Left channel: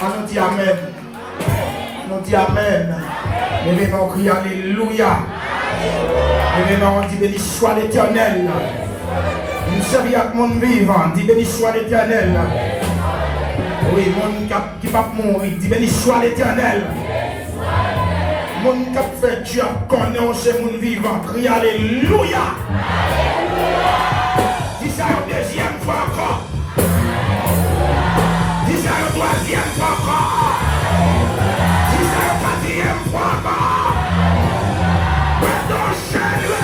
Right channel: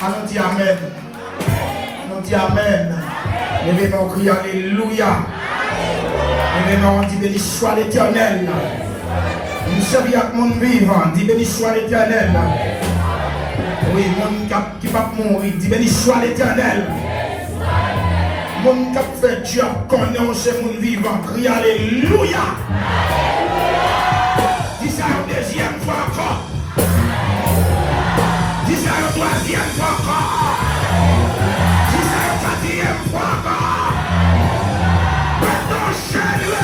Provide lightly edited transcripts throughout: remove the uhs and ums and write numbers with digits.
On dit Amen. On dit Amen. Nous venons crier Alléluia. Nous venons dire béni soit l'Éternel. Nous sommes avec mon vivant. Dis béni soit l'Éternel. Oui, mon qui va mourir. Dis béni soit l'Éternel. Mon qui fait Dieu connaît c'est mon vivant. Crie Alléluia. Dis ça une deuxième fois encore. Dis ça une troisième fois encore. Dis ça une quatrième fois encore. Maintenant, chérie.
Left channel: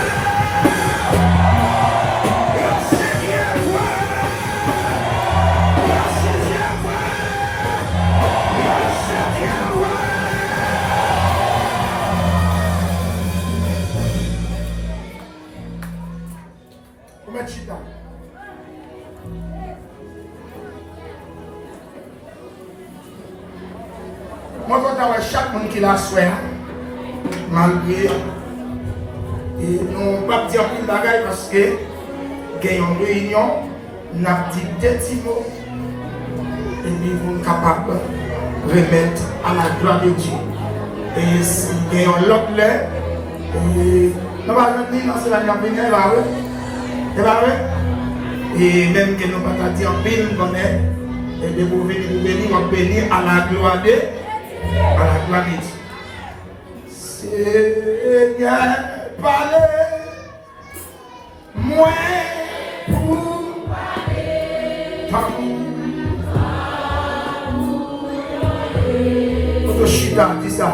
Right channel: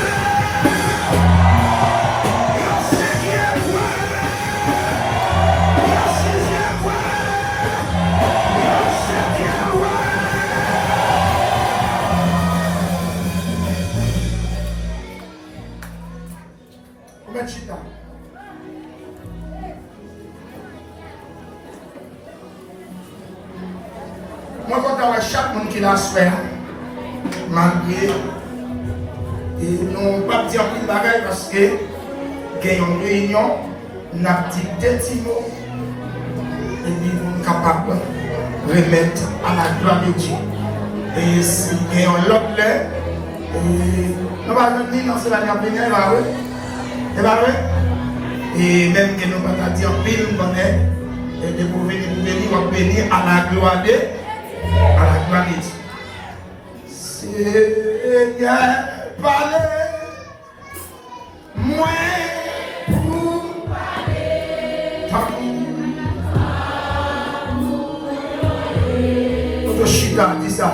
Moi, quand on a chaque monde qui l'a souhaité, malgré, et on ne va pas dire une bagaille parce que, il y a une réunion, on a dit des petits mots, et puis on est capable de remettre à la gloire de Dieu. Et s'il y a un autre là, nous allons venir dans ce venir là-haut, c'est pas vrai? Et même que nous ne pouvons pas dire pile, et de vous venir à la gloire de Dieu. Seigneur, parlez, moi pour parler. Tout chita, dis ça.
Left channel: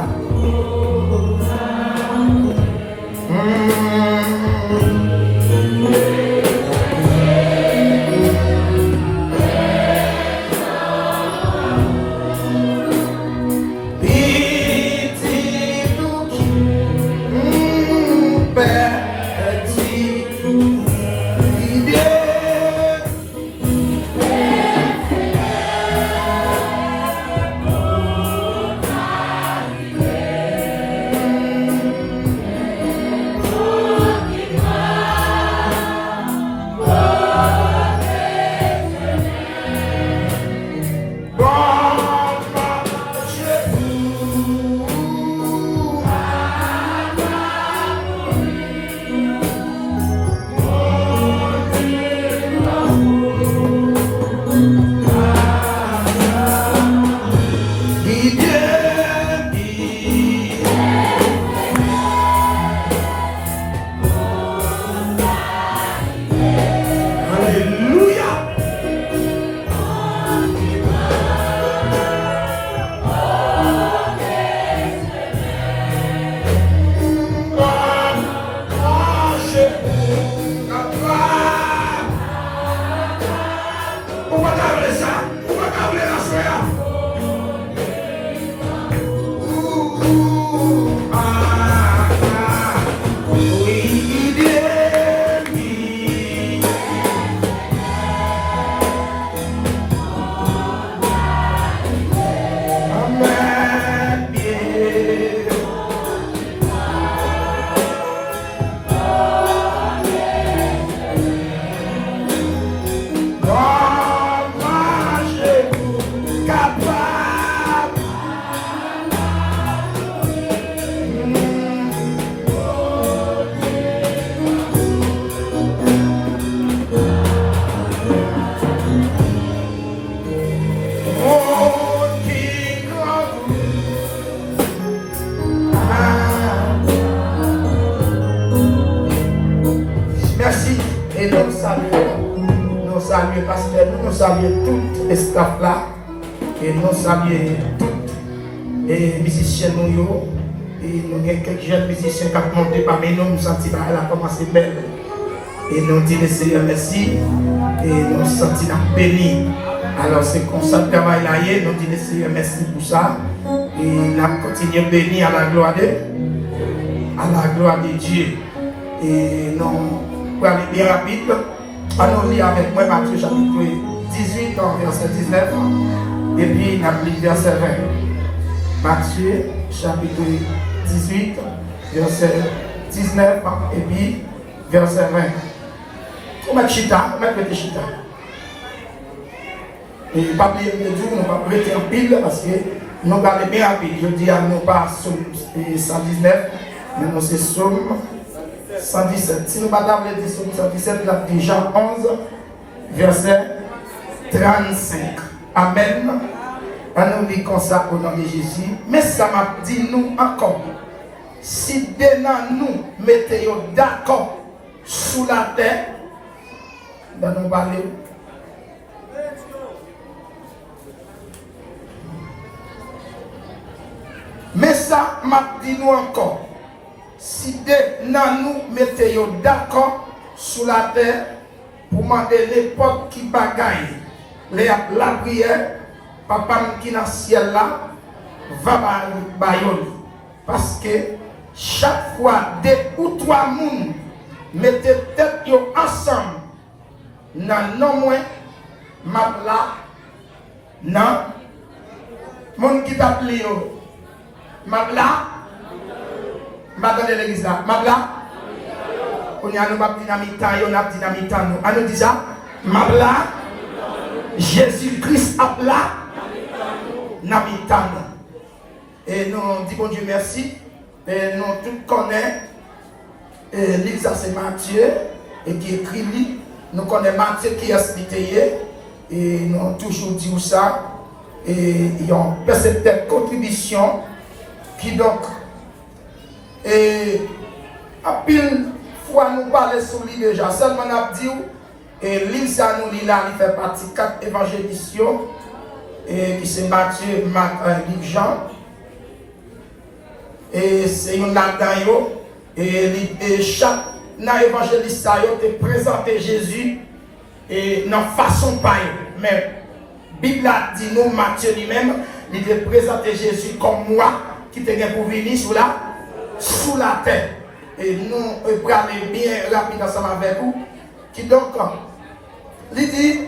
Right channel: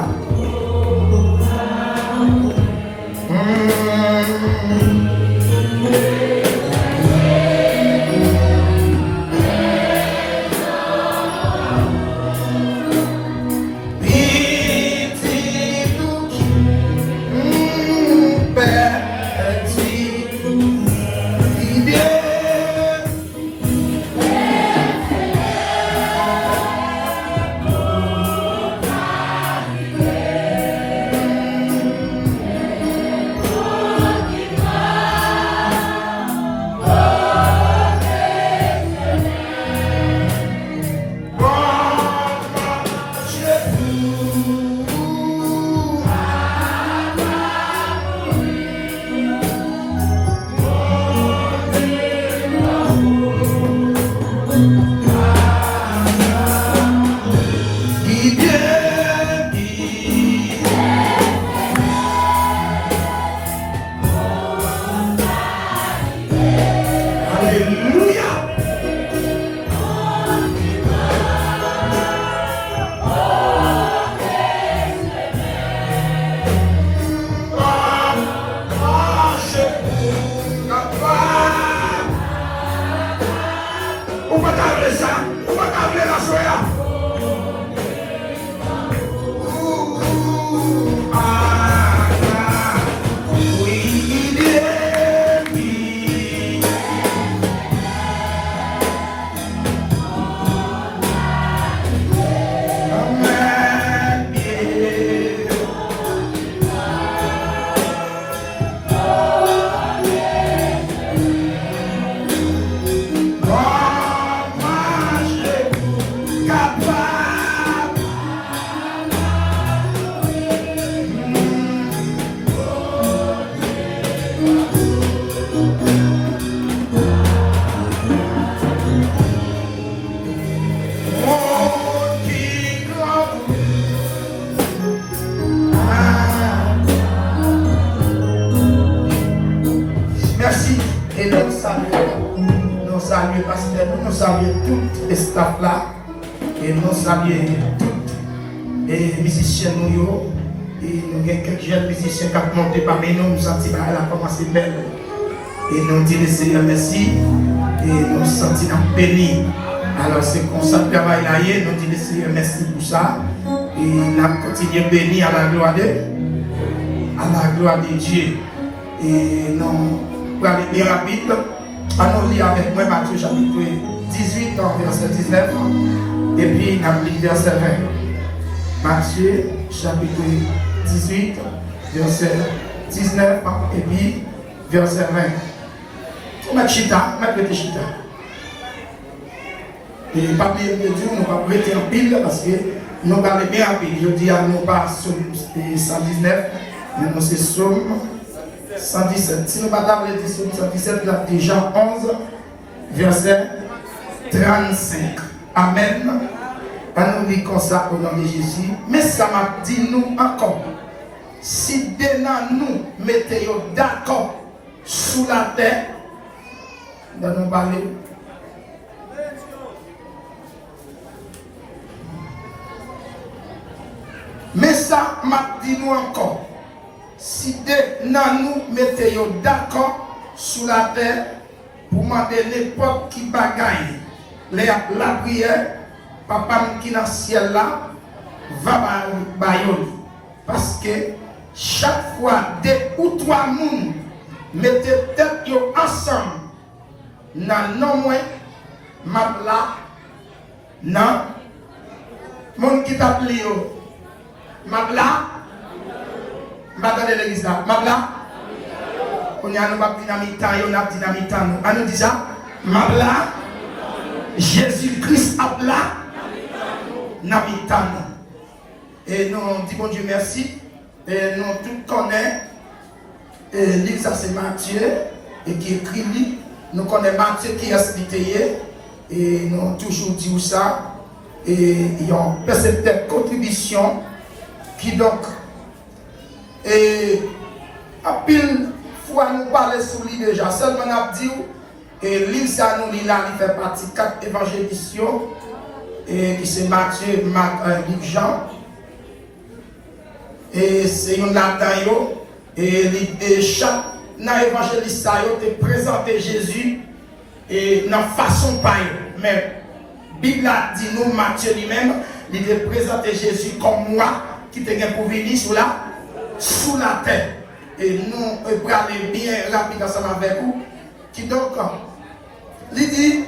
Et nous saluons tous les musiciens et nous avons quelques jeunes musiciens qui ont monté parmi nous, nous sentons qu'elle a commencé belle. Et nous disons Seigneur merci et nous sentons bénis. Alors c'est comme ça le travail là, nous disons Seigneur merci pour ça. Et nous continuons bénis à la gloire de Dieu. Et nous allons aller bien rapide. Allons lire avec moi Matthieu chapitre 18, verset 19. Et puis, on a lu verset 20. Matthieu, chapitre 18, verset 19, et puis verset 20. On va chita, on va péter chita. Et pas bien de dire, nous pas prêter en pile parce que nous allons bien rapide. Je dis à nous pas Somme 119, mais nous c'est Somme 117. Si nous ne pas dire Somme 117, là, déjà 11, verset 35. Amen. On nous dit comme ça au nom de Jésus. Mais ça m'a dit nous encore. Si demain nous mettons d'accord sous la terre, nous parler. Mais ça m'a dit nous encore. Si demain nous mettons d'accord sous la terre, pour demander n'importe qui bagaille, la prière, papa qui est dans le ciel là, va bailler. Parce que chaque fois, deux ou trois personnes mettez tête ensemble, dans non moins, là, non, mon qui t'a appelé, là, dans l'église là, là, on y a une dynamite, on a dynamite, on nous dit ça, là, Jésus-Christ a là, n'habitant. Et nous disons Dieu merci. Et nous tous connaissons. L'île, ça c'est Matthieu. Et qui écrit lui. Nous connaissons Matthieu qui est expliqué. Et nous toujours dit ça. Et il y a une cette contribution qui donc. Et à pile fois nous parlons sur lui déjà. Seulement on a dit. Et l'île, ça nous lit là, il fait partie de 4 évangélisations. Et c'est Matthieu, Marc, Luc, Jean. Et c'est une là-dedans. Et chaque évangéliste a présenté Jésus et dans façon pareille. Mais la Bible a dit nous, Matthieu lui-même, il a présenté Jésus comme moi qui était pour venir sous la terre. Et nous, on va aller bien rapide ensemble avec vous. Qui donc, il dit,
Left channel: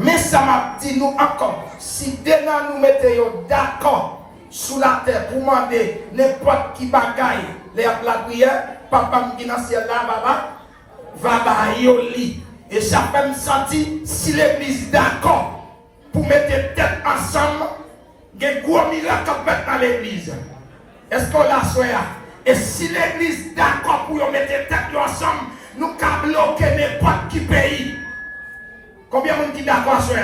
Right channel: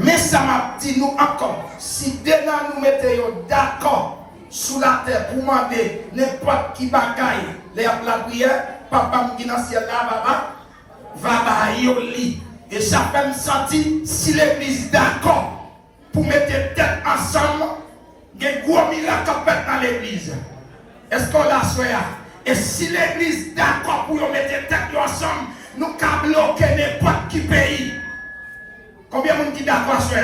mais ça m'a dit nous encore, si demain nous mettons d'accord sous la terre pour demander n'importe qui bagaille la prière, papa qui est dans le ciel là, va bailler au lit. Et ça fait me sentir, si l'église est d'accord pour mettre tête ensemble, il y a un gros miracle dans l'église. Est-ce qu'on l'a souhaité? Et si l'église est d'accord pour mettre tête ensemble, nous avons bloqué n'importe qui pays. Combien de gens qui sont d'accord sur ça?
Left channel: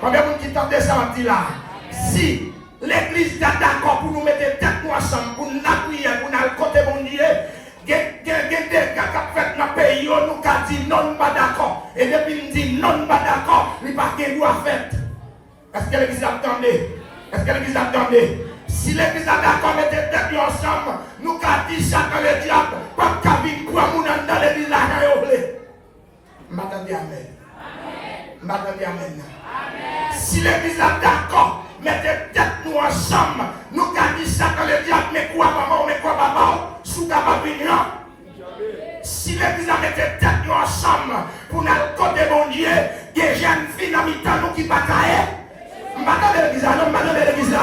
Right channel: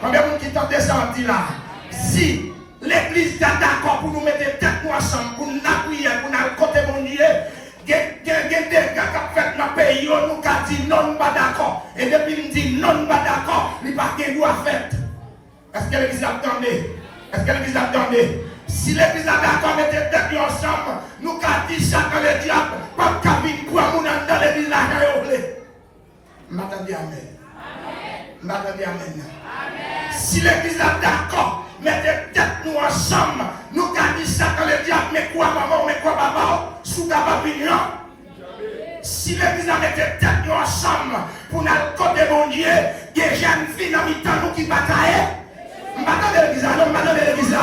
Combien de gens qui sont descendus là? Si l'église est d'accord pour nous mettre tête ensemble, pour nous appuyer, pour nous côté mon Dieu, il y a des gars qui ont fait dans le pays, nous avons dit non, pas d'accord. Et depuis nous dit non, pas d'accord, il n'y a pas de loi faite. Est-ce que l'église attendait? Est-ce que l'église attendait? Si l'église est d'accord, mettez tête ensemble, nous avons dit ça dans le diable, pas de cabine, quoi, nous dans l'église là, m'attendez amen. M'attendez amen. Si l'église est d'accord, mettez tête nous ensemble, nous avons dit ça dans le diable, mais quoi maman, mais quoi papa, sous ta opinion. Si l'église a mis tête nous ensemble, pour nous côté mon Dieu, des jeunes filles dans mi-temps qui ne sont pas caillées. M'attendez l'église là, non, m'attendez l'église là.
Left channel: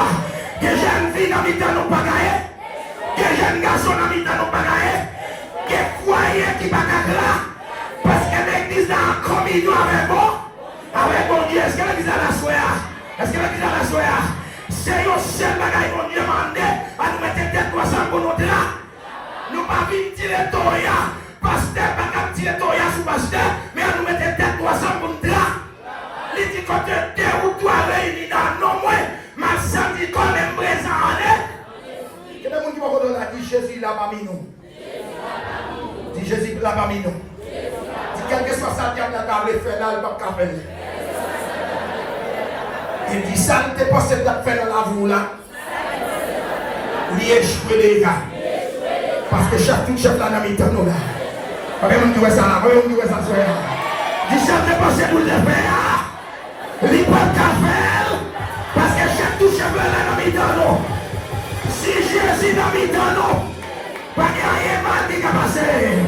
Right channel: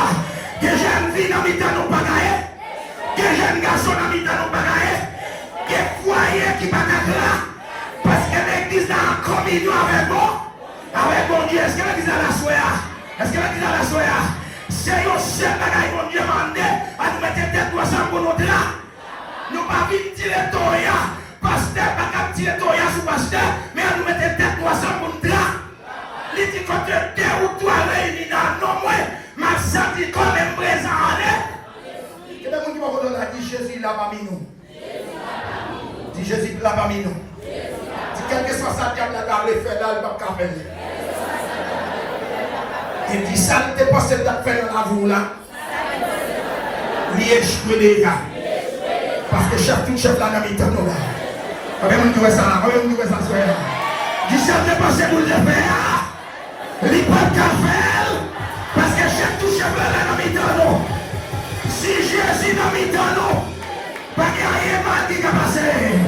Des jeunes filles dans mi-temps qui ne sont pas caillées. Des jeunes garçons dans mi-temps qui ne sont pas caillés. Des foyers qui ne sont pas là. Parce que l'église a commis nous avec vous. Avec mon Dieu, est-ce que l'église a la soya? Est-ce que l'église a la soya? C'est le seul bagage qu'on Dieu demandé à nous mettre tête ensemble pour nous là. Nous pas venir tirer Toya. Pasteur, pas tirer Toya sous pasteur, mais à nous mettre tête ensemble pour nous là. Il dit que deux ou trois réunis dans nos moyens, ma santé qu'on est présent en elle. Quel est le monde qui va vous donner dit Jésus là parmi nous? Dit Jésus là parmi nous. Dit quel que soit sa diable là, la refait là, il va pas faire. Il dit ça ne t'est pas cette date fait dans la voie là. Il est échoué les gars. Parce que chaque tout chef là dans le temps là. Combien de nous ça? Combien de nous ça? Dit ça ne t'est pas cette pour le faire. Il ne peut pas faire. Parce que chaque tout chef là dans le temps. Si Jésus dans le temps, pas qu'il y ait mal qui va passer.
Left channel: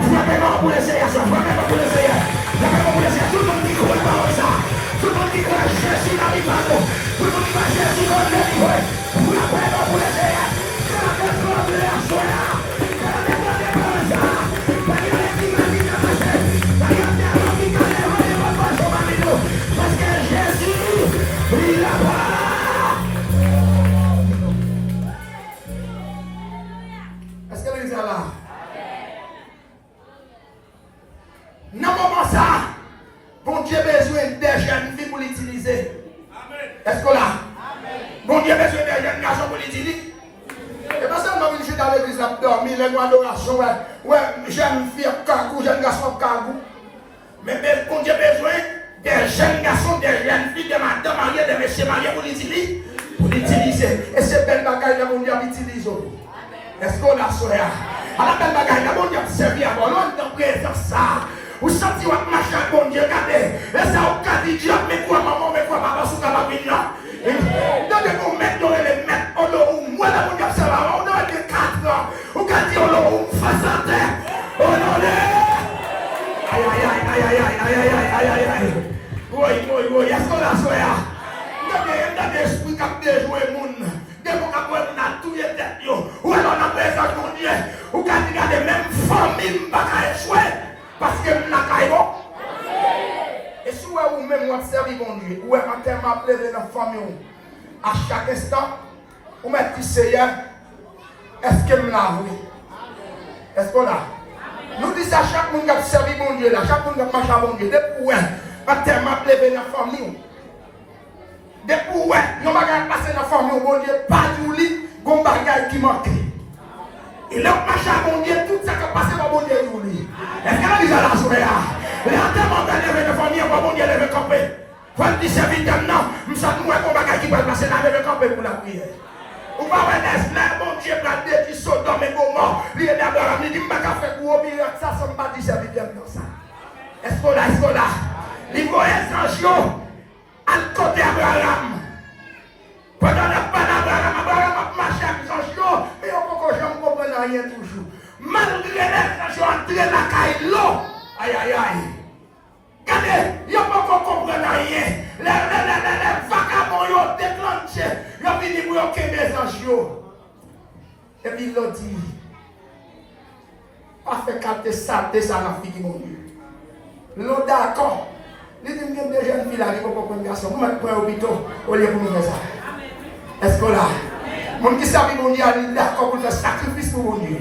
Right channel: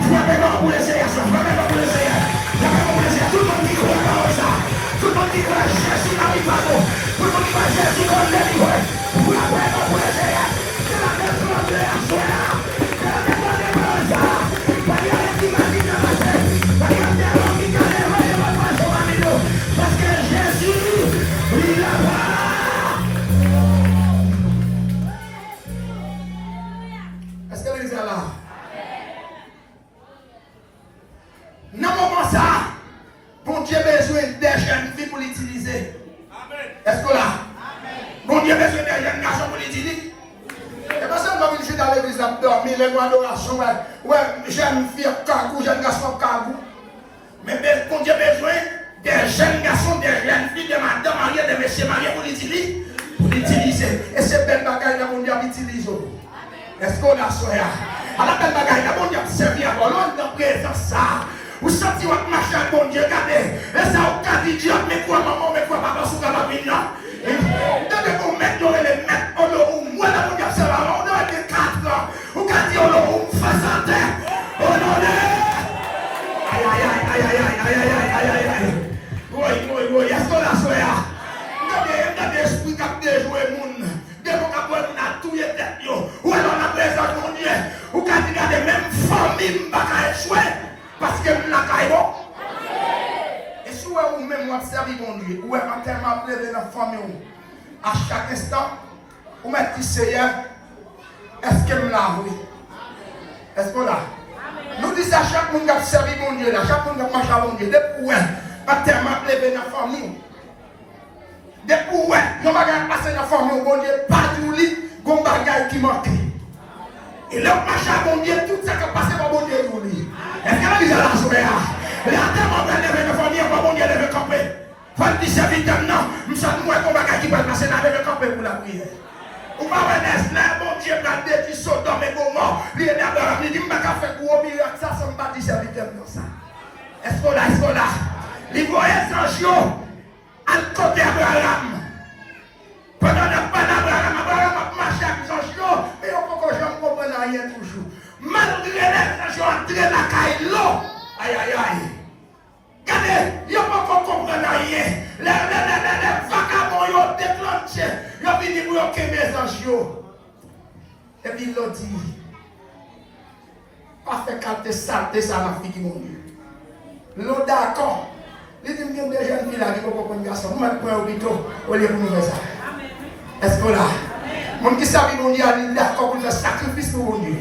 Frappez-moi pour l'essayer, frappez-moi pour l'essayer. Frappez-moi pour l'essayer. Tout le monde dit qu'on va pas ça. Tout le monde dit que Jésus n'a pas mal. Tout le monde dit que Jésus n'a pas mal. Vous l'avez pas pour l'essayer. Parce que Jésus Est-ce que l'église est là? Dans le moment ça, bon Dieu a besoin des jeunes filles pour l'utiliser. Est-ce que là? Bon Dieu a besoin des jeunes garçons pour l'utiliser. Et pas seulement une chute dans l'église à dormir, les mois d'adoration, ouais, jeunes filles à cagou, jeunes garçons à cagou. Mais bon Dieu a besoin des jeunes garçons, des jeunes filles, de madame mariées, de messieurs mariés pour l'utiliser. Pour l'utiliser. Et c'est belle bagaille, bon Dieu l'utilise. Est-ce qu'on a soya? À la belle bagaille, bon Dieu a servi à bon Dieu dans ça. Vous sentez votre machin, bon Dieu, regardez. Et ça, vous avez dit, Dieu, mais quoi, maman, mais quoi, papa, sous la vie là. Et donnez-vous mettre, vous les mettre, on le moi, là, vous avez on a des 4 ans. Vous avez dit, on le 60 ans. On a aïe, aïe, aïe, aïe, aïe, aïe, aïe, aïe, aïe. Oui, est-ce qu'on a soya? Regardez, l'esprit qui a déjoué le monde. Dès qu'on a pris tout les têtes, ou alors on a présent pour Dieu. Vous avez dit, regardez, même famille, pas qu'à échouer. Parce que nous n'avons pas. Et si vous même vous servez mon Dieu, ou en termes appelés de notre famille, à chaque instant, vous mettez Seigneur, est-ce que nous l'avons? Est-ce qu'on a? Nous disons à chaque monde qui a servi mon Dieu, chaque monde qui a marché à mon Dieu, depuis où en termes appelés de notre famille, depuis où nous avons passé dans la famille, mon Dieu, pas du lit, bon bagage qui manque. Et là, marché à mon Dieu, tout ça qui a passé dans mon Dieu, vous lui. Est-ce que la vie à la soirée? L'enterrement de lever de famille, on va bon Dieu lever camper. Faut le dire serviteur, non. Nous sommes moins qu'on va qui va passer dans lever camper pour la prière. On va voir des bon Dieu, garder qui sont dans mes moments. Il est d'abord, il dit, je vais faire pour oublier ça, ça ne pas dire serviteur comme ça. Est-ce qu'on a? Il faut être franchement à côté d'Abraham. Pendant le pas d'Abraham, Abraham a marché avec franchement, et on peut que je ne comprenne rien toujours. Malgré l'intention d'entrer dans la caille, l'eau, aïe aïe aïe. Regardez, il n'y a pas encore comprendre rien. Les vagabonds ont déclenché. Ils ont fini pour bloquer mes anges. Et puis ils ont dit, pas fait capter ça, ça la fille qui m'ont dit. L'eau d'accord. Les deux jeunes filles là, ils ne peuvent pas comprendre ça. Vous mettez pour un hôpital, au lieu pour nous faire ça. Est-ce que là? Mon qui savait mon Dieu, il est d'accord pour faire sacrifice pour mon Dieu.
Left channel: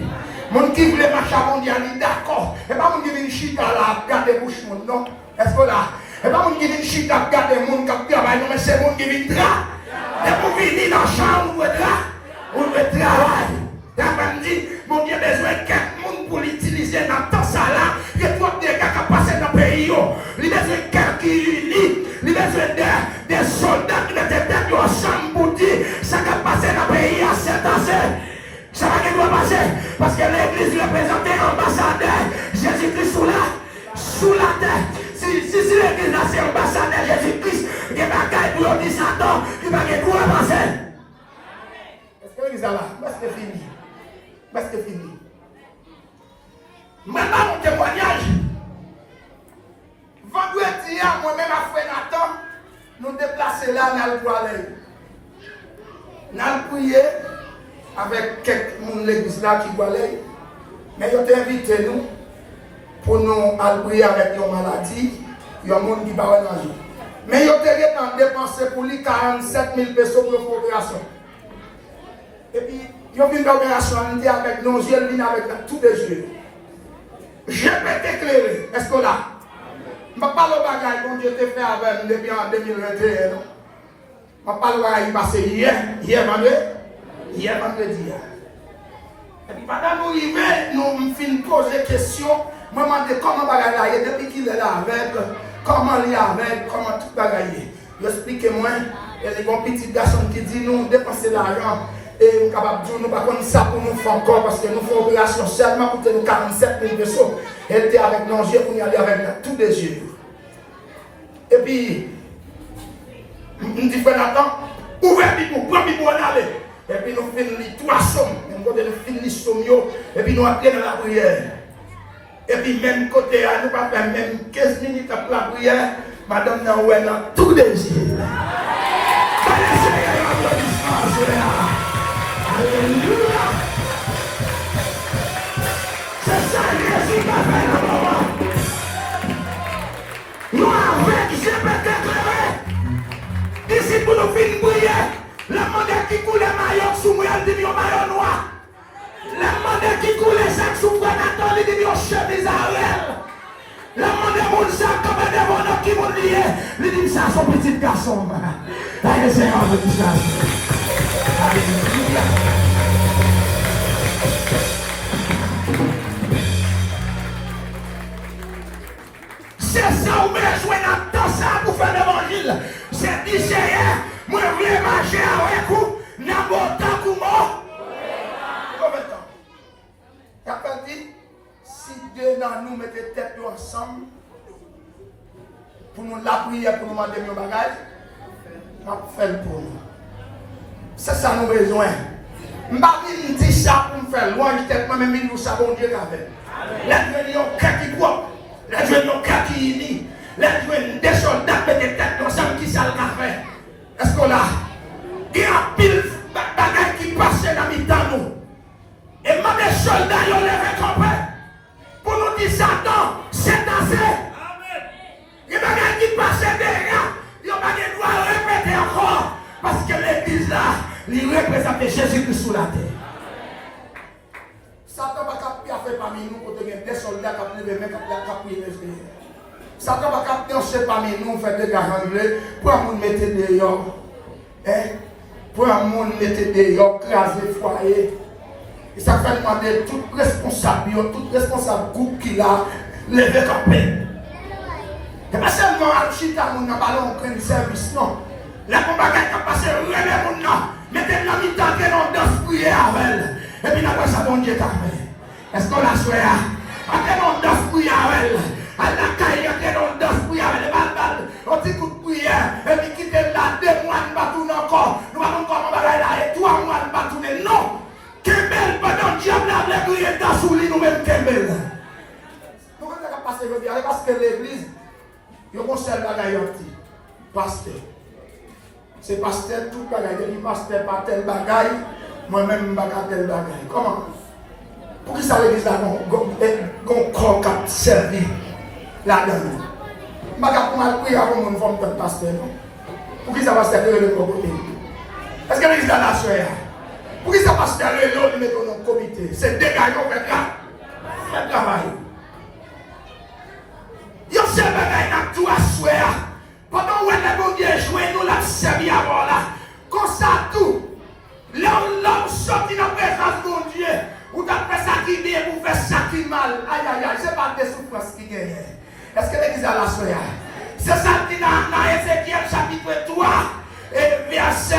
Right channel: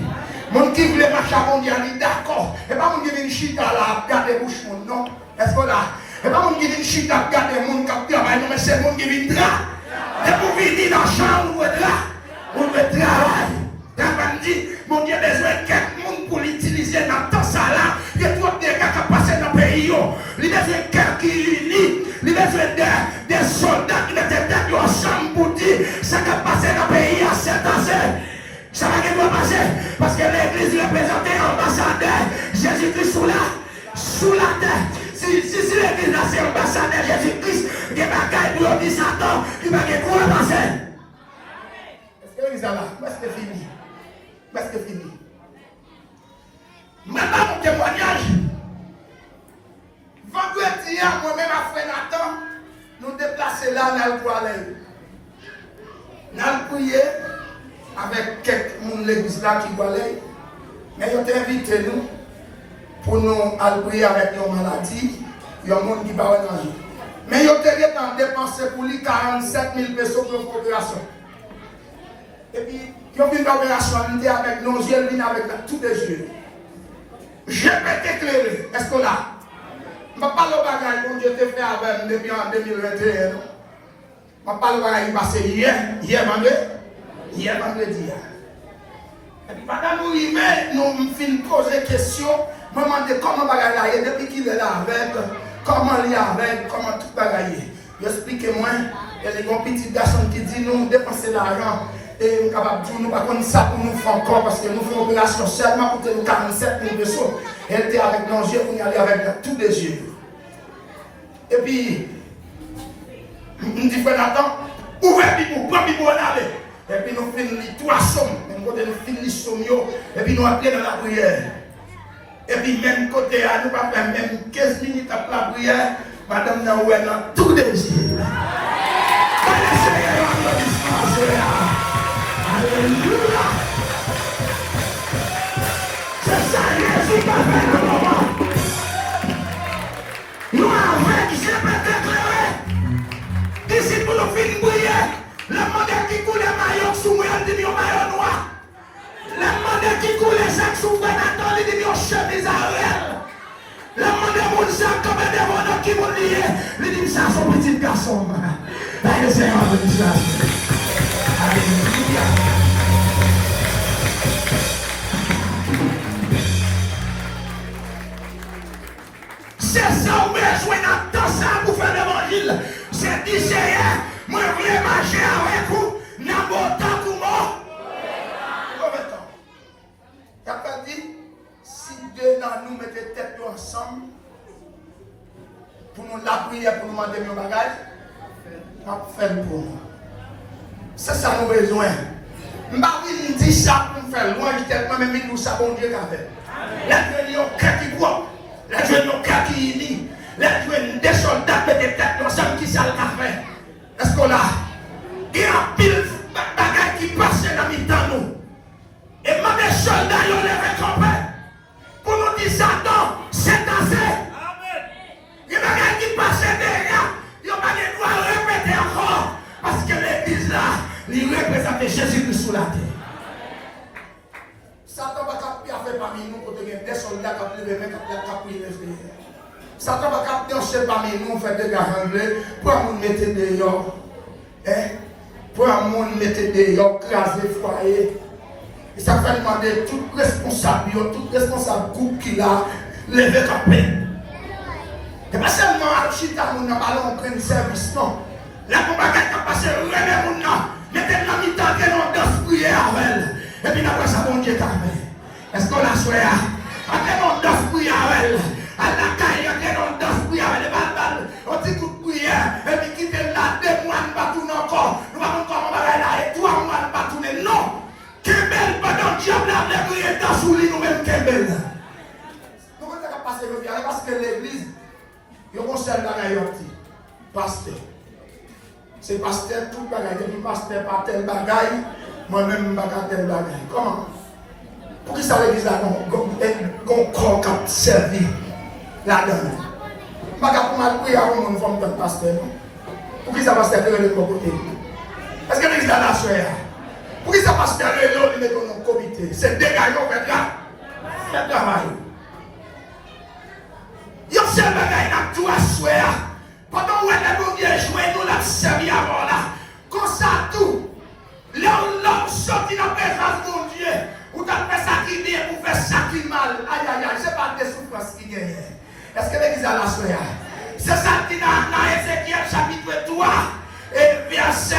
Mon qui voulait marcher à mon Dieu, il est d'accord. Et pas mon qui vient chita là, garder bouche, non? Est-ce que là? Et pas mon qui vient chita, garder mon qui travaille, non, mais c'est mon qui vient là. Et pour venir dans la chambre, vous êtes là. Vous êtes travail. Et après, dit, mon Dieu a besoin de quelqu'un pour l'utiliser dans tout ça là. Il y a trop de dégâts qui passent dans le pays. Il a besoin de quelqu'un qui unit. Il a besoin des soldats qui étaient ensemble pour dire ça qui a passé dans le pays à cette année. Ça va pas passer. Parce que l'église représentait ambassadeur Jésus-Christ sous la terre. Si l'église là c'est ambassadeur Jésus-Christ, il y a des bagailles pour dire Satan, il va y quoi passer. Est-ce que l'église là? Est-ce que c'est fini? Est-ce que c'est fini? Maintenant, mon témoignage. Vendredi, moi-même, après Nathan, nous déplaçons là dans le toilette. Nous avons prié avec quelques l'église là qui doit aller. Mais ils ont invité nous pour nous aller prier avec nos maladies. Il y a un monde qui va manger. Mais ils ont dépensé pour lui 47 000 pesos pour l'opération. Et puis, ils ont vu l'opération avec nos yeux, avec tous les yeux. Je peux t'éclairer. Est-ce que là? Je ne parle pas de bagage que Dieu t'a fait avec depuis en 2021. Je ne parle pas de bagage hier vendredi. Et puis pendant nous arriver, nous finissons poser des questions. Je me demande comment bagage là, depuis qu'il est là avec, comment il est avec, comment tout bagage. Expliquez-moi. Il y a des petits garçons qui disent nous dépenser l'argent. Et nous sommes capables de dire, nous ne pouvons pas ça pour nous faire encore parce que nous faisons une opération seulement pour nous 47 000 pesos. Elle était avec nos yeux, on y allait avec tous les yeux. Et puis, nous disons, Nathan, où est-ce que nous pouvons aller? Et puis nous finissons les 3 sommes. Nous finissons les sommes, et puis nous appelons dans la prière. Et puis même côté, nous ne pouvons pas faire même 15 minutes après la prière. Madame Nawel a tous les yeux. Alléluia. C'est ça, Jésus qui a fait le moment. Nous avons qui s'est fait déclarer. Ici pour nous filmer. Le monde est mon sac comme un démon qui vont lier. Il dit ça, son petit garçon. Allez, c'est un peu de ça. C'est ça où je suis dans ça pour faire l'évangile. C'est d'Israël. Moi, je voulais marcher avec vous. N'importe où. Combien de temps? Il n'a pas dit, si Dieu dans nous mettez tête ensemble, pour nous la prière, pour nous demander nos bagages, on va faire pour nous. C'est ça nos besoins. Je ne vais pas dire ça pour nous faire loin, tellement même nous savons Dieu qu'a fait. Les dieux ont cœur qui voient, les dieux ont cœur qui unit, les dieux des soldats qui étaient têtes ensemble qui savent qu'a fait. Est-ce qu'on a? Il y a un pile de bagages qui passent dans le temps nous. Et moi, des soldats, ils ont levé campagne. Pour nous dire ça, non, c'est assez. Il y a des gens qui passent derrière. Il y a des gens qui vont répéter encore. Parce que l'église là, il représente Jésus-Christ sous la terre. Satan va faire parmi nous pour devenir des soldats qui ont levé campagne. Satan va faire parmi nous, faire des gars pour nous mettre dehors. Pour nous mettre dehors, craser le foyer. Et ça fait demander tout responsable groupe qui l'a levé campé. Et pas seulement à Chita, nous n'avons pas pris service, non. La compagnie qui a passé, relève mon nom, mettez la mi-temps que l'on doit prier avec elle. Et puis après ça, mon Dieu t'a fait. Est-ce qu'on l'a souhaité? Après l'on doit prier avec elle. À la caille, que l'on doit prier avec elle. On dit toute prière. Et puis quitter là, 2 mois, nous ne va tourner encore. Nous allons encore là, et 3 mois, nous ne va tourner. Non! Kembel, pendant que diable a prié dans sous lui, nous-mêmes Kembel. Nous ne pas passer le diable parce que l'église, il y a un seul bagaille, pasteur. C'est pasteur, tout bagaille. Il dit pasteur, pas tel bagaille, moi-même, pas tel bagaille. Comment? Pour qui ça l'église là, non, corps qui a servi là-dedans? Je ne vais pas prier avant de faire un pasteur. Pour qui ça va servir le côté? Est-ce que l'église là, la soeur? Pour qui ça passe faire le lot, ils mettent dans le comité? C'est dégagé, on fait là. C'est travail. Ils ont servi à tout à souhait. Pendant que vous avez joué, nous l'avons servi avant là. Comme ça, tout. Là où l'homme sorti dans la présence de mon Dieu, ou t'as fait ça qui bien, ou fait ça qui mal. Aïe, aïe, aïe, c'est pas des souffrances qui gagnent. Est-ce que l'église a la souhait? C'est ça qui est dans Ézéchiel chapitre 3 et verset.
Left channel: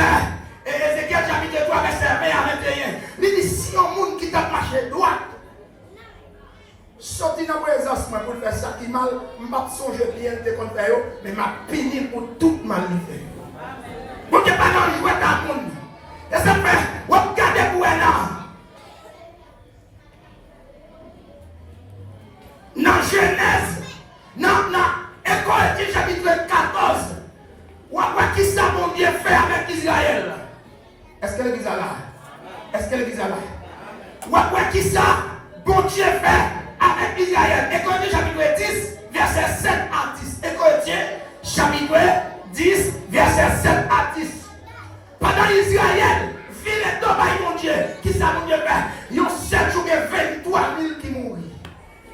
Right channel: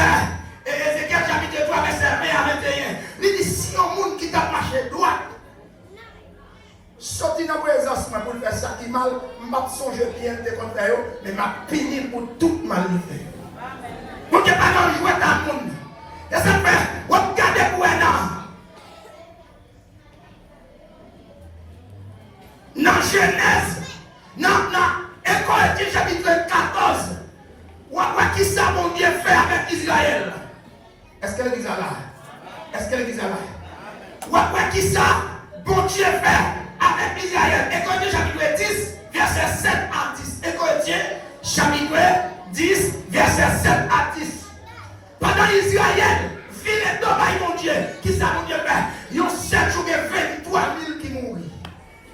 Et Ézéchiel chapitre 3, verset 20 à 21. Il dit, si un monde qui t'a marché droit, sorti dans la présence pour faire ça qui mal, je ne vais pas songer bien de contraire, mais je vais finir pour tout mal fait. Pour que pas dans le joie dans le monde. Et ça fait, regardez pour un an. Dans Genèse, dans Écoute chapitre 14, on voit qui ça mon Dieu fait avec Israël. Est-ce que l'église a là? Est-ce que l'église a là? On voit qui ça bon Dieu fait avec Israël. Écoute chapitre 10, verset 7 à 10. Écoute chapitre 10, verset 7 à 10. Pendant Israël, vit les domaines mon Dieu, qui ça mon Dieu fait? Ils ont 7 jours et 23 000 qui mourent.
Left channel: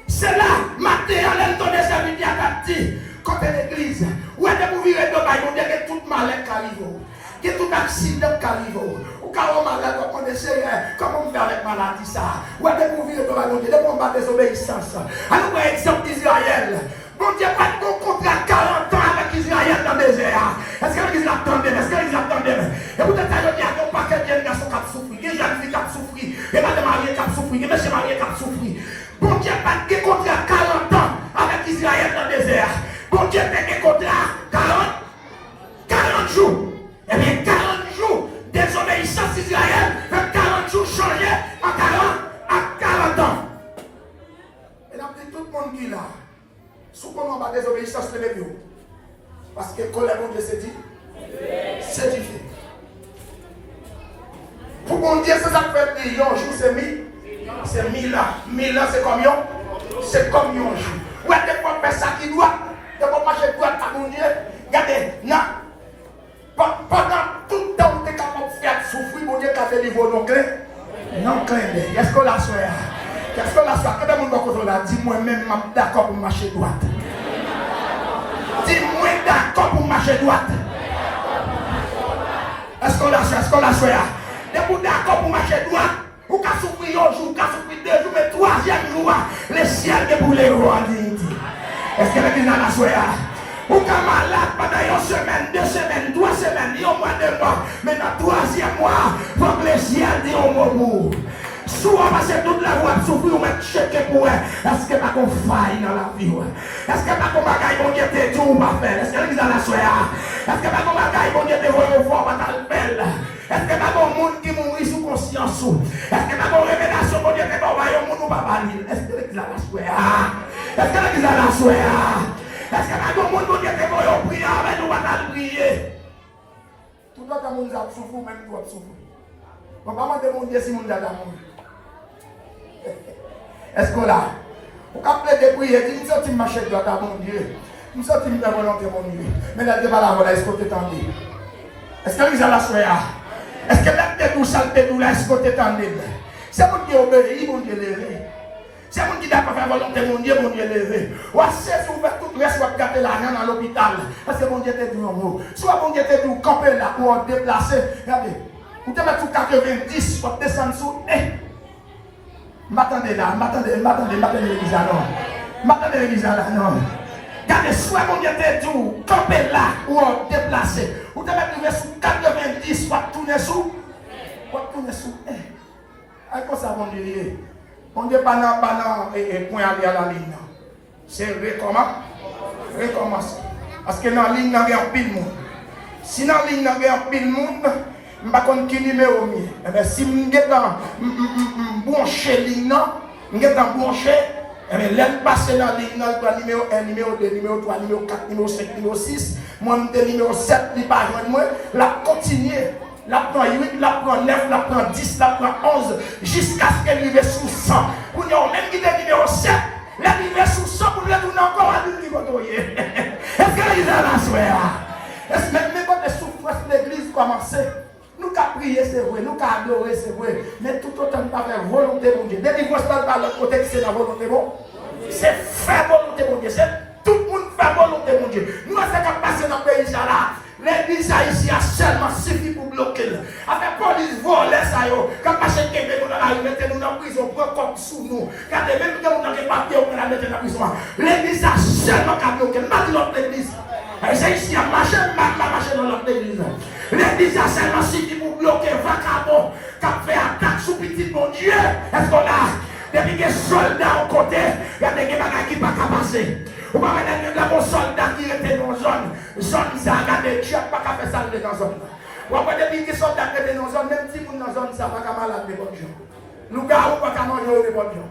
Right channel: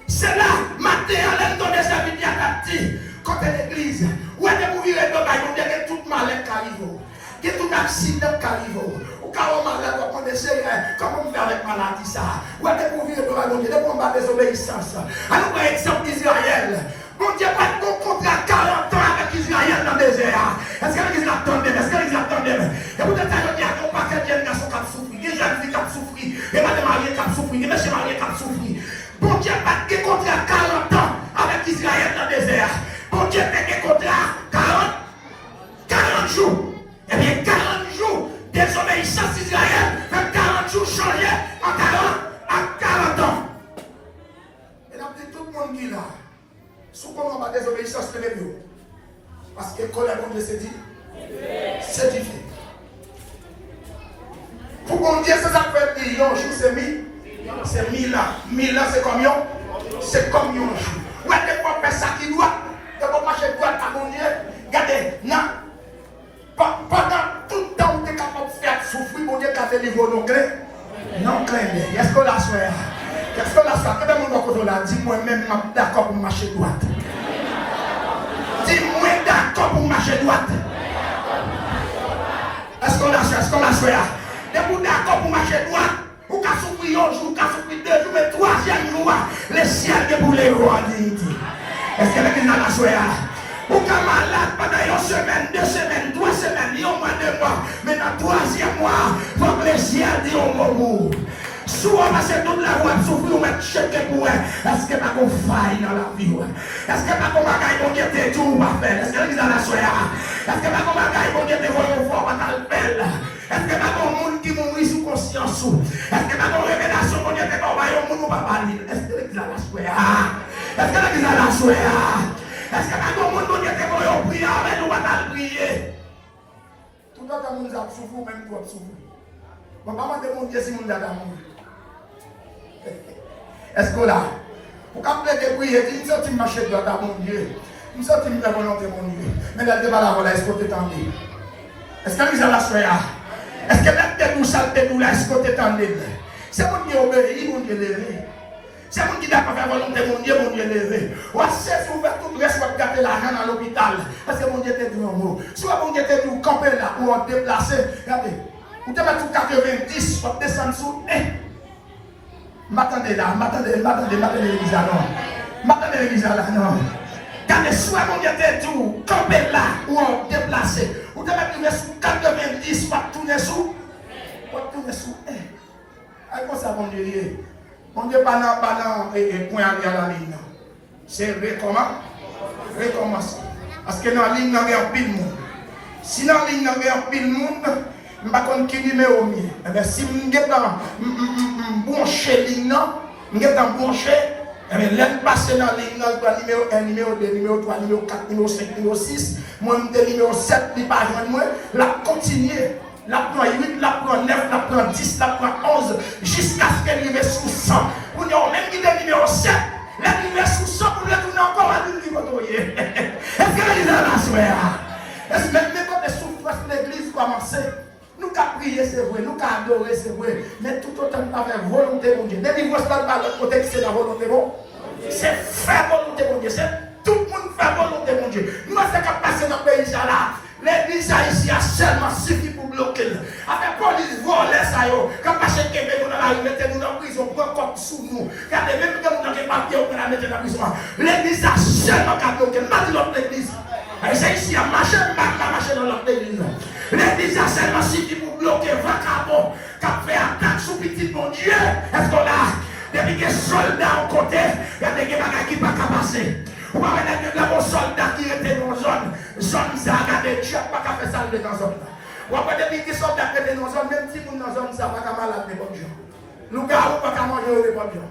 C'est là, matin, elle donne sa vie à dit, quand l'église, où elle est pour vivre les domaines, on dirait que tout malheur qui arrive, que tout accident qui arrive, ou quand on malade, on connaissait, comment on fait avec maladie ça, où elle est pour vivre les domaines, on dirait qu'on va désobéissance. Alors, par exemple, Israël, bon Dieu, pas de contrat 40 ans avec Israël dans le désert. Est-ce que l'église attendait? Est-ce que l'église attendait? Et vous êtes allé dire qu'on paquet de garçons qui ont souffert, des jeunes filles qui ont souffert, des madame mariées qui ont souffert, des messieurs mariés qui ont souffert. Bon Dieu, pas de contrat 40 ans avec Israël dans le désert. Bon Dieu, pas de contrat 40 jours. Eh bien, 40 jours désobéissance Israël, fait 40 jours changés à 40 ans. Et donc, tout le monde qui est là, sous comment ma désobéissance de l'église. Parce que quand la Bible se dit, c'est difficile. Pour qu'on dise que ça fait des jour, c'est 1000. C'est 1000 ans. 1000 ans, c'est combien? C'est combien de jours? Ouais, des fois, faire ça qui doit. Des fois, marcher droit à mon Dieu. Regardez, non. Pendant tout le temps, tu es capable de faire souffrir, mon Dieu, quand tu es niveau non clé. Non clé. Est-ce qu'on l'a soeur? Est-ce qu'on l'a soeur? Quel est mon nom que je l'ai dit? Moi-même, je suis d'accord pour marcher droite. d'accord pour marcher droite? Est-ce qu'on la soya? Et vous d'accord pour marcher droite? Vous pouvez souffrir un jour, vous pouvez souffrir 2 jours, mais 3e jour, le ciel est pour les rois en dignité. Est-ce que l'église a la soya? Vous pouvez malade pendant 1 semaine, 2 semaines, 3 semaines, 1 mois, 2 mois, mais dans le 3e mois, votre le ciel dit au mot. Souvent, parce que toute la voie souffre, on va checker pour elle. Est-ce que pas qu'on faille dans la vie? Est-ce que pas qu'on bagaille, on dit que Dieu va faire? Est-ce que l'église a la soya? Est-ce que pas qu'on bagaille, on dit que vous va dans le bel? Est-ce que pas qu'on monde qui mourit sous conscience? Est-ce que pas qu'on révélation, on dit que vous va y monde va parler? Est-ce que l'église a la soya? Est-ce que l'église a la soya? Est-ce que pas qu'on monde qui dit que vous va prier avec nous va prier? Tout le monde a souffert, même toi souffre. On va pas demander si on a l'amour. Est-ce que là, vous pouvez prier, vous sortez de marcher droit à mon Dieu, vous sortez de la volonté de mon Dieu, mais là, devant la volonté, est-ce que vous t'étendez? Est-ce que vous avez la soya? Est-ce que là, vous saltez tout là, est-ce que vous t'étendez? C'est mon Dieu obéi, mon Dieu levé. C'est mon Dieu qui a fait la volonté de mon Dieu levé. Ou assez vous faites tout le reste, vous gardez l'argent dans l'hôpital, parce que mon Dieu était dit en haut. Soit mon Dieu était dit, vous campez là, ou en déplacé, regardez, vous devez tout 90, vous descendez sous, m'attendez là, m'attendez l'église là, non. M'attendez l'église là, non. Regardez, soit mon Dieu était tout, camper là, ou en déplacé. Vous devez arriver sous 90, pas tourner sous. Pas tourner sous. Comment ça, mon Dieu? Mon Dieu, pas et point aller à la ligne. C'est recommence. Parce que dans la ligne, il y a un pile de monde. Si dans la ligne, il y a un pile de monde, je ne sais pas qui numéro mieux. Si je suis branché ligne, je suis branché, je vais passer dans la ligne, numéro 1, numéro 2, numéro 3, numéro 4, numéro 5, numéro 6, moi, numéro 7, je ne pas moi, la continuer. La prend 8, la prend 9, la prend 10, la prend 11, jusqu'à ce qu'elle arrive sous 100. Pour nous, même qui est numéro 7, elle arrive sous 100 pour nous encore à nous. Est-ce que l'église a la soeur? Est-ce que même les souffrances de l'église commencent? Nous avons prié, c'est vrai, nous avons adoré, c'est vrai, mais tout autant nous avons fait volonté de Dieu. Dès que vous êtes par l'autre côté, c'est la volonté de Dieu. C'est faire volonté de Dieu. C'est tout le monde faire volonté de Dieu. Nous avons fait passer dans le pays là. L'église ici a seulement suffi pour bloquer. Avec police voler ça, quand machin qui est dans la rue, mettez-nous dans la prison, prend comme sous nous. Regardez, même quand on a des papiers, on la mettre dans la prison. L'église a seulement qu'à bloquer, pas notre église. C'est ici à marcher, pas marcher dans notre église. L'église a seulement suffi pour bloquer vacabond, qui a fait attaque sous petit bon Dieu. Est-ce qu'on a? Depuis que les soldats au côté, il y a des bagages qui ne peuvent pas passer. On va mettre là un soldat qui était dans la zone, ça a regardé, tu n'as pas fait ça dans la zone. On va mettre des soldats qui étaient dans la zone, même si dans la zone, ça va pas malade de bon Dieu. Nous gars, on va pas manger de bon Dieu.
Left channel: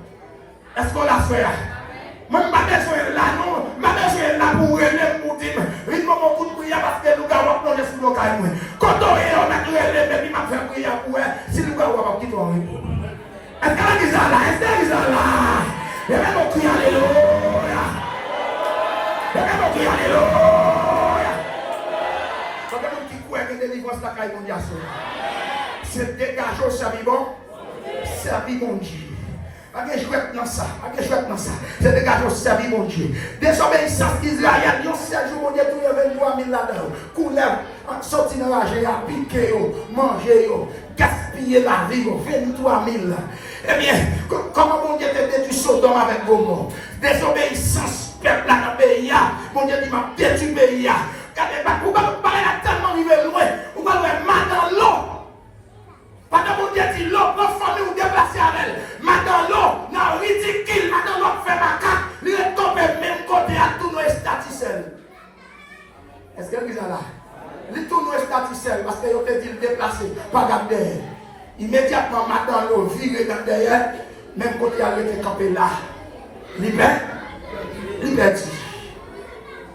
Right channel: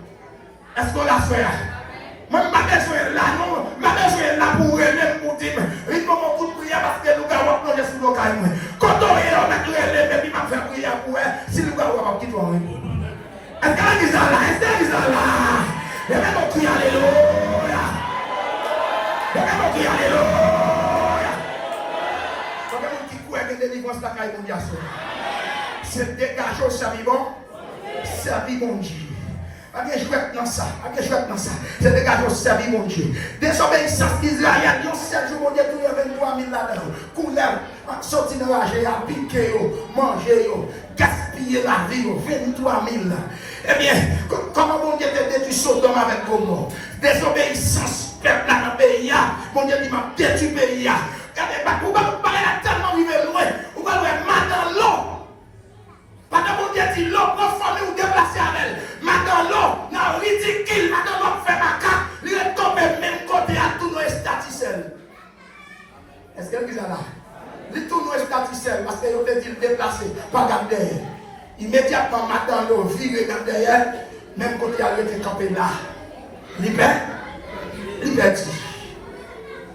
Est-ce qu'on l'a fait? Même pas besoin là, non, pas besoin là pour relève pour dire, il faut beaucoup de prière parce que nous gars, on va prendre sur nos cailles. Quand on est là, on va relève et puis on va faire prière pour elle, si nous gars, on va quitter en ligne. Est-ce qu'elle est là? Est-ce qu'elle est là? Et là, on crie alléluia. Et là, on crie alléluia. Quand on dit quoi que délivrance la caille mondiale, c'est dégager au servivant, servir mon Dieu. Je vais dans ça. C'est dégager au servir mon Dieu. Désobéissance d'Israël, il y a 7 jours, mon Dieu, tout le 23 000 là-dedans. Couleur, sortir dans la géa, piquer, manger, gaspiller la vie, 23 000. Eh bien, comment mon Dieu te détruit Sodome avec Gomorrhe? Désobéissance, peuple dans le pays, mon Dieu dit m'a détruit le pays. Regardez, vous ne pouvez pas parler là tellement vivre loin, vous pouvez mal dans l'eau. Pendant mon Dieu dit l'eau, notre famille vous déplacer à elle. Maintenant l'eau, non, ridicule, maintenant l'eau fait ma carte, il est tombé même côté à tout nos statisels. Qu'est-ce qu'elle dit là? Il tourne nos statisels parce qu'il a dit le déplacer, pas garder. Immédiatement, maintenant l'eau, vire dans derrière, même côté à l'autre campé là. Liberté.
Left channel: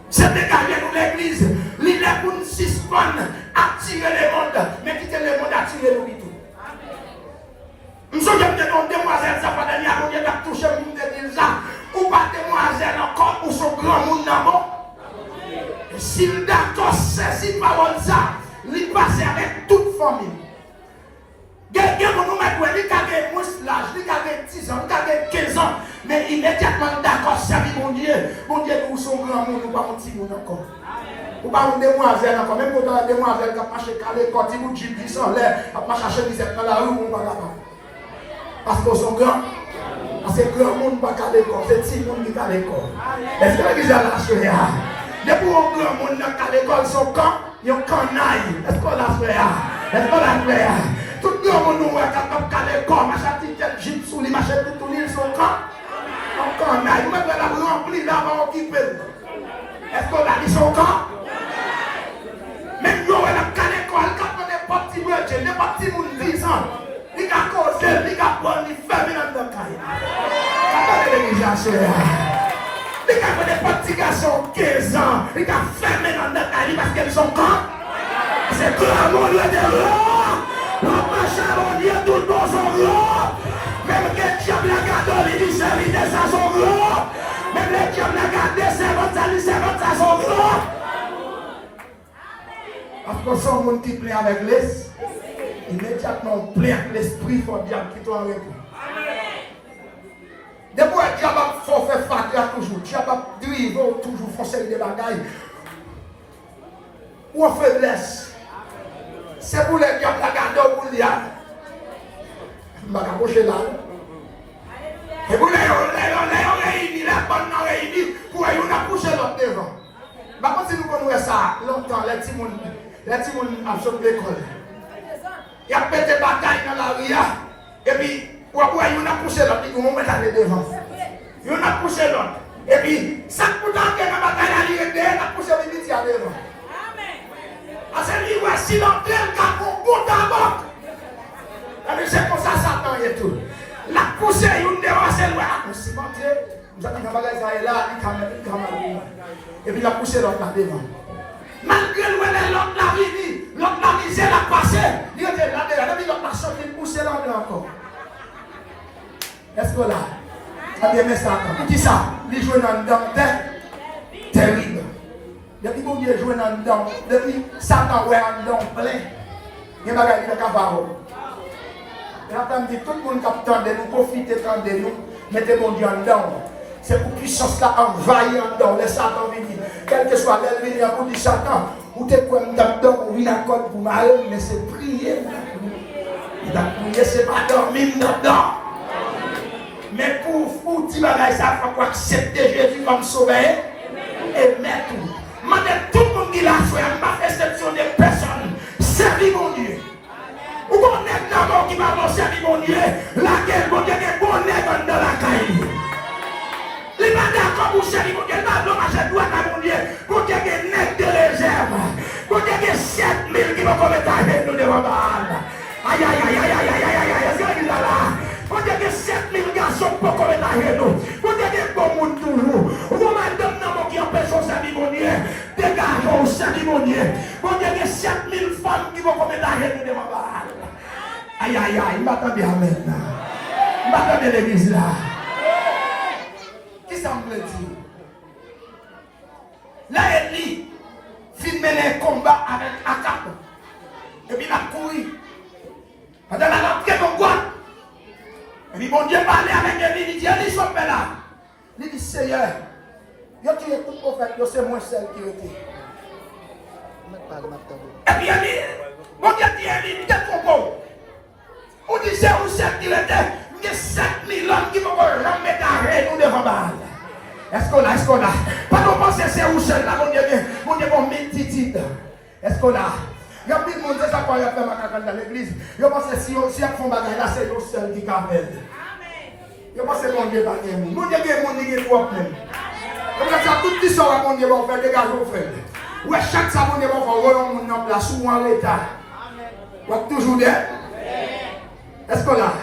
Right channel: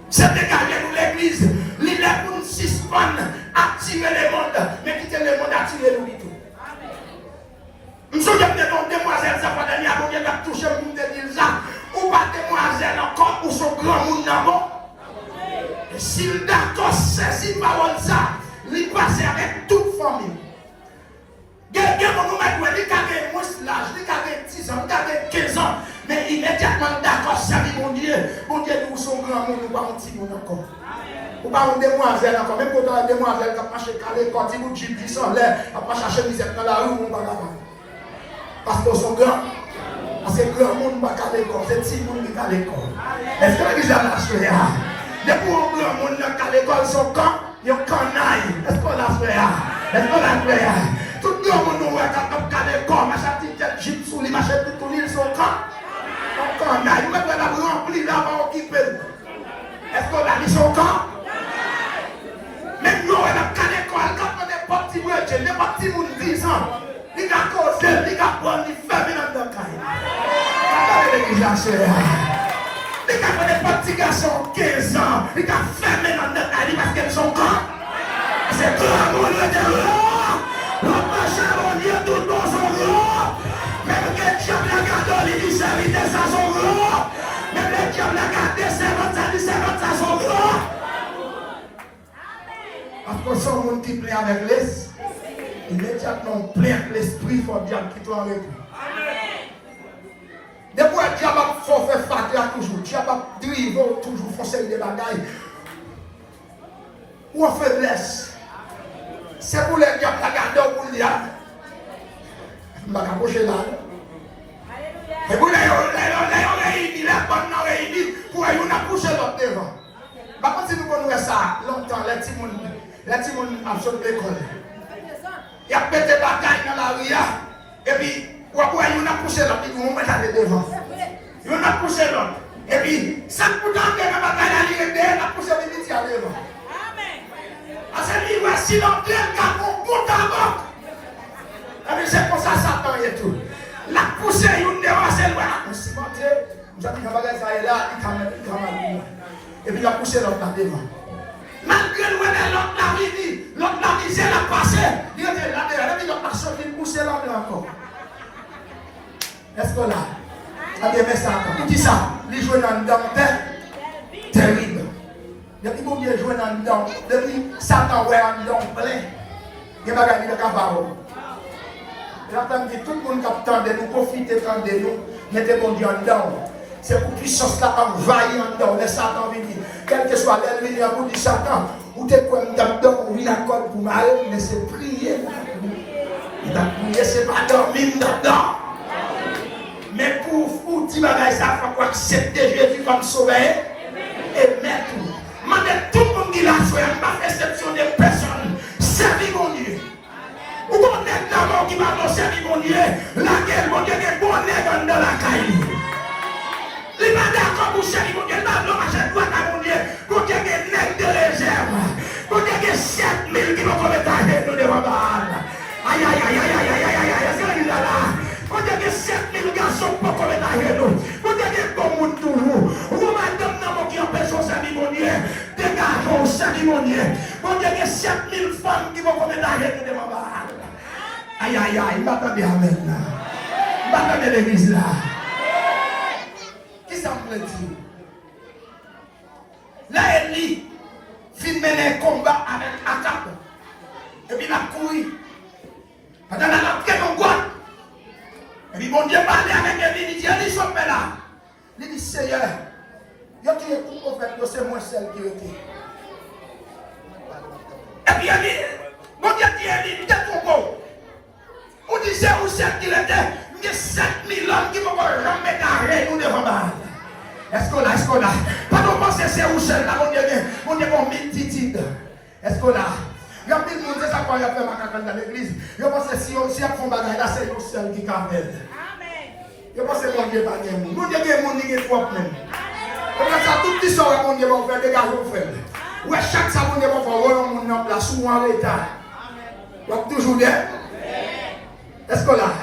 C'est dégagé pour l'église. Il est pour nous suspendre, attirer les mondes, mais quitter les mondes, attirer nous tout. Nous sommes des demoiselles, ça va venir à nous, il a touché pour nous dire ça. Ou pas demoiselle encore, ou son grand monde d'abord. Et s'il d'accord, c'est si parole ça, il passe avec toute famille. Quelqu'un va nous mettre, il a moins l'âge, il a 10 ans, il a 15 ans, mais immédiatement d'accord, ça dit mon Dieu pour son grand monde, nous pas un petit monde encore. Ou pas une demoiselle encore, même quand la demoiselle qui a marché calé, quand il vous dit 10 ans, l'air, qui a marché chemisette dans la rue, on va là-bas. Parce qu'ils sont grands. Parce que grand monde va à l'école, c'est petit monde qui est à l'école. Est-ce que l'église a la soeur? Depuis que grand monde qui est à l'école, son camp, il y a un canaille. Est-ce qu'on l'a fait? Est-ce qu'on l'a fait? Tout le monde qui est capable à l'école, ma petite tête jeep sous lui, ma petite tout l'île, son camp. Un canaille. Même la remplie là, va occuper. Est-ce qu'on a dit son camp? Même si on a à l'école, quand on est parti, on est parti pour 10 ans. Il a causé, il a pris, il fait bien dans le cas. Regardez l'église là, c'est là. Il a pris des petits garçons 15 ans. Il a fermé dans le cas parce qu'ils sont quand? C'est tout le monde de l'or. Le machin, on dit tout le monde sont gros. Même les diables la gardent, les lycéens, ça sont gros. Même les diables la gardent, c'est ça sont gros. Parce que son monde qui plaît avec les. Immédiatement plein l'esprit, il faut bien qu'il soit avec vous. Depuis que Dieu va faire fater toujours, Dieu va driver toujours, foncer des bagailles. Ou en faiblesse. C'est pour les diables la garder au bout de l'âme. Je vais m'approcher là. Et vous les réunis, les bonnes réunis, pour les approcher l'autre devant. Par contre, si nous voulons ça, longtemps, les petits monde absorbent l'école. Il y a peut-être des batailles dans la rue. Et puis, il a poussé l'autre. Il va mettre devant. Il a poussé l'autre. Et puis, ça peut entrer dans la bataille, il a poussé le petit à devant. Parce que si l'autre est un bon d'abord. C'est pour ça que Satan est tout. La poussée, il devant c'est là. Si mon Dieu, nous avons dit que ça est là, il va. Et puis, il a poussé l'autre devant. Malgré l'autre la misère a passé, il était là derrière, l'autre la sorti, il poussait là encore. Est-ce que là, il a ça encore. Il dit ça, il joue dans le temps terrible. Depuis que vous jouez dans le temps, depuis Satan ouais dans le temps plein, il y a des cavards. Il a entendu tout le monde qui attendait nous, profiter de nous, mettez mon Dieu en dedans. C'est pour puissance là envahir dedans, les Satan venir. Quel que soit l'ennemi, à bout de Satan, ou t'es comme dedans, ou il accorde pour mal, mais c'est prier. Il a prié, c'est pas dormir dedans. Mais pour dire ça, il faut accepter Jésus comme sauveur et maître. Maintenant, tout le monde qui l'a fait, pas exception des personnes, servir mon Dieu. Ou qu'on est d'abord qui va servir mon Dieu, laquelle mon Dieu est bon dans la caille. Il va d'accord pour servir mon Dieu, non, je dois à mon Dieu, pour qu'il y ait des nets de réserve, pour qu'il y ait 7000 qui vont commettre à nous de Roman. Aïe, aïe, aïe, aïe, aïe, aïe, aïe, aïe, pour qu'il y ait 7000 garçons pour commettre à nous, pour qu'il y ait bon monde toujours. Vous m'avez donné qui empêche de servir mon Dieu, des garçons servir mon Dieu, pour qu'il y ait 7000 femmes qui vont commettre à nous de Roman. Aïe, aïe, aïe, m'attendez à maintenant. M'attendez l'église là. Qui ça me dit? Là, Élie filme les combats avec Akab. Et puis il a couru. Pendant la lampe, mon bois. Et puis mon Dieu parlait avec Élie. Il dit, Élie, sommes là. Il dit, Seigneur, il qui est tout prophète, c'est moi seul qui était. Et puis Élie, mon Dieu dit, Élie, t'es trop beau. On disait où c'est qu'il était. Il y a 7000 hommes qui vont remettre à rien nous devant la. Est-ce qu'on a? Pas qu'on pense que c'est où c'est là, on est bon multitude. Est-ce qu'on a? Il y a plus de monde qui ça quand il y a fait ma dans l'église. Je pense que si on fait un bagage là, c'est nous seul qui capable. Je pense que mon Dieu pas de monde. Mon Dieu est monde qui est fort même. On a ça tout qui sort mon Dieu va faire des gars au fait. Ouais, chaque ça mon Dieu va faire on mon place ou en l'état. Donc toujours là. Est-ce qu'on a?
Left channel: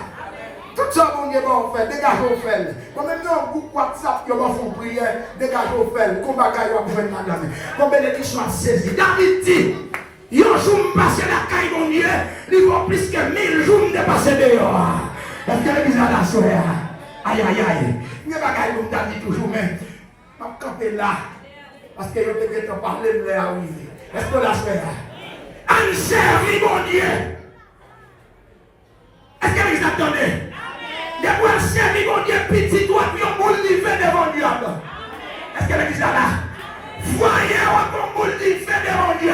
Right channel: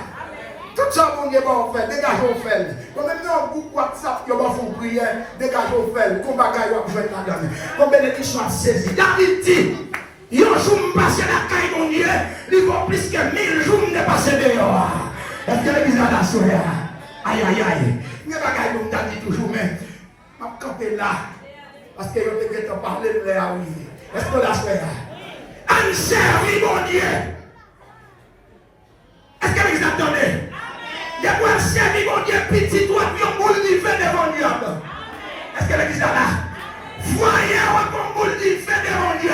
Tout ça, mon Dieu, va faire, dégage au fel. Comme même dans un groupe WhatsApp, ils vont faire prière, dégage au fel. Comme bagaille, on va jouer madame. Comme bénédiction à saisir. David dit, il y a un jour passé la caille, mon Dieu, il va plus que 1000 jours de passer dehors. Est-ce que l'église a la soeur? Aïe, aïe, aïe. Il y a bagaille, comme David toujours, mais je vais camper là. Parce que je vais te parler de là, oui. Est-ce que la soeur? Un servi, mon Dieu. Est-ce que l'église a donné? Il y a un servi, mon Dieu, petit, toi, puis on vous livre devant Dieu. Est-ce que l'église est là? Voyez comme vous le fait de mon Dieu.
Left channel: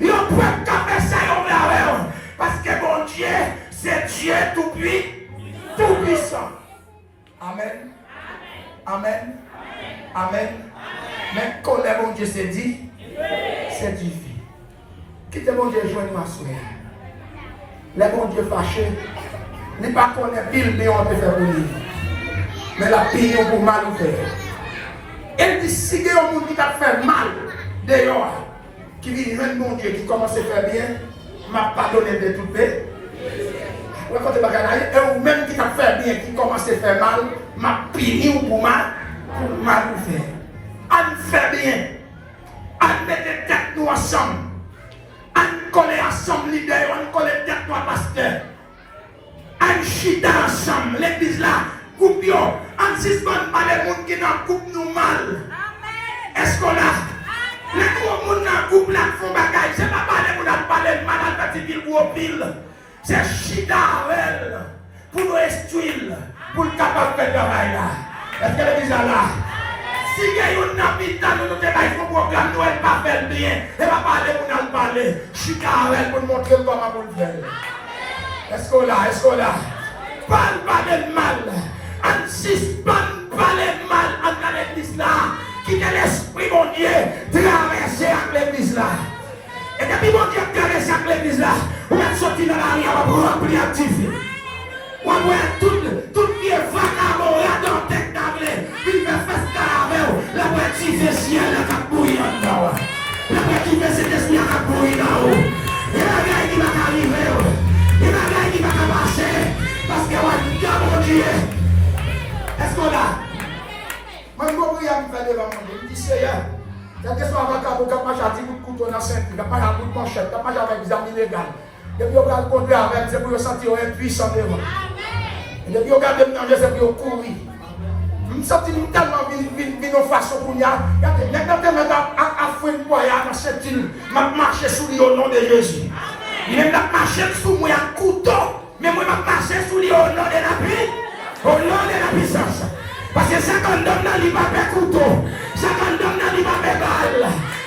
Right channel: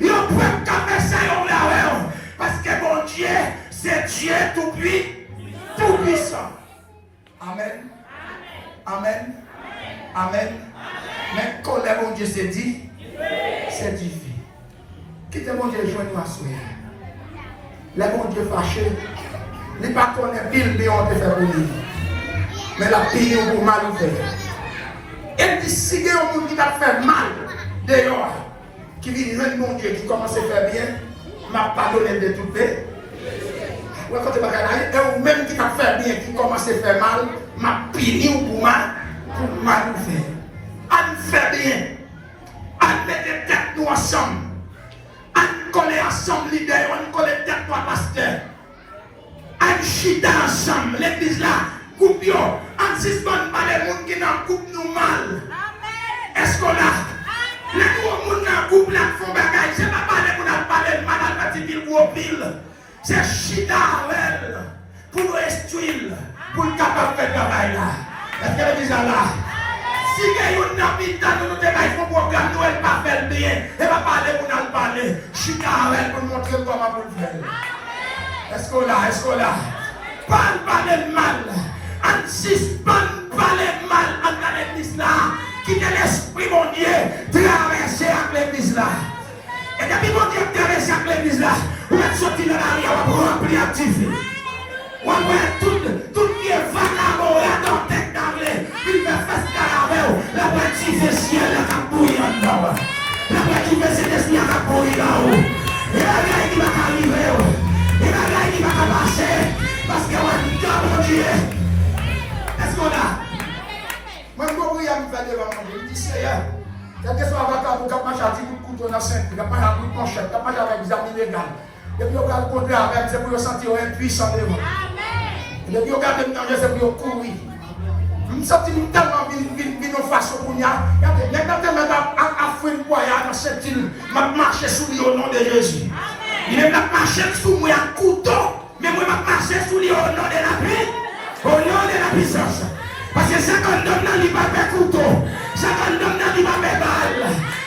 Il ne peut pas faire ça parce que mon Dieu, c'est Dieu tout puissant. Amen. Amen. Amen. Mais quand le bon Dieu s'est dit, c'est difficile. Quittez mon Dieu, joignez-moi à sourire. Le bon Dieu fâché, il n'est pas qu'on est pile, mais on peut faire oublier. Mais la pile, on peut mal faire. Elle dit, si il y a un monde qui t'a fait mal, d'ailleurs, qui vient de mon Dieu, qui commence à faire bien, m'a pardonné de tout paix. Le côté bagarre, ou même qui t'a fait bien, qui commence à faire mal, m'a pili pour mal faire. On fait bien. On met des têtes nous ensemble. On colle ensemble leader, on colle tête pour pasteur. On chita ensemble, l'église là, coupe yo. On suspend pas les gens qui n'ont coupe nous mal. Est-ce qu'on a? Les gros gens qui coupe là font bagaille. C'est pas les gens qui parlent mal à la petite gros pile. C'est chita pour nous instruire, pour nous capable de faire bagaille là. Est-ce que l'église là? Si il y a un habitant, nous devons faire un programme, nous ne pouvons pas faire bien. Et pas parler pour nous parler. Chita pour nous montrer comment vous le faites. Est-ce qu'on l'a? Est-ce qu'on l'a? Parle de mal. On suspend pas le mal dans l'église là. Qui est l'esprit, mon Dieu, traverser avec l'église là. Et depuis mon Dieu traverser avec l'église là, on va sortir dans la rue pour remplir activité. On va tout qui est vagabond dans tête d'anglais. Il va faire ce caravelle. La partie de ciel, la capouille en bas. La partie de cet esprit, la capouille là-haut. Et la gueule qui va arriver. Et la gueule qui va passer. Parce qu'on va dans mon Dieu. Est-ce qu'on a? Moi, je vais me faire devant mon Dieu. Il dit, Seigneur, quel que soit votre avocat, moi j'ai dit que couteau dans la ceinture, il n'y a pas de manchette, il n'y a pas avec des armes illégales. Et puis on va rencontrer avec, c'est pour sentir impuissant devant. Et puis on regarde le temps, c'est pour courir. Je me sens tellement de façon pour y aller. Maintenant, à faire une voyage dans cette île, je marche sous lui au nom de Jésus. Il est marché sous moi un couteau, mais je marche sous lui au nom de la vie, au nom de la puissance. Parce que ça condamne dans l'image couteau, ça condamne dans l'image balle,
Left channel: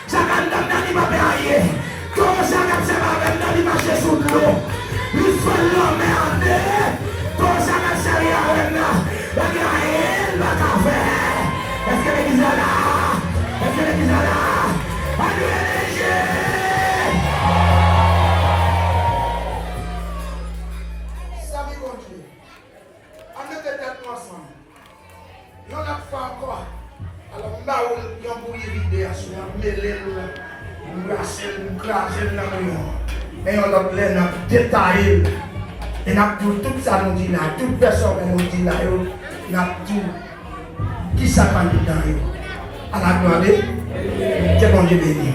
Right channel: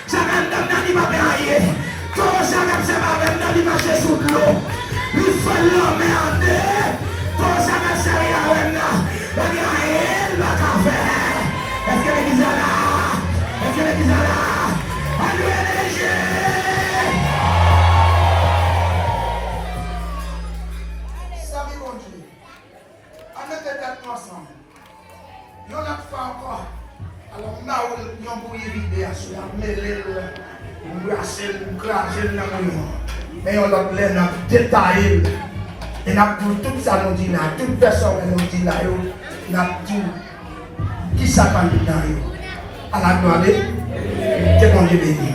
ça condamne dans l'image aïe. Comment ça même dans l'image sous l'eau, il faut l'homme en terre. Comment ça même la guerre, la café. Est-ce que l'église est là? Est-ce que l'église est là? Alléluia! Salut mon Dieu. On met des têtes ensemble. Nous n'avons pas encore. Alors, on a un bouillie vidéo, on met les lois, on brasse, on classe, mais on a plein de détails. Et on a tout ça nous dit là, toute personne nous dit là, on a tout. Qui s'appelle dans eux? À la gloire de Dieu, béni.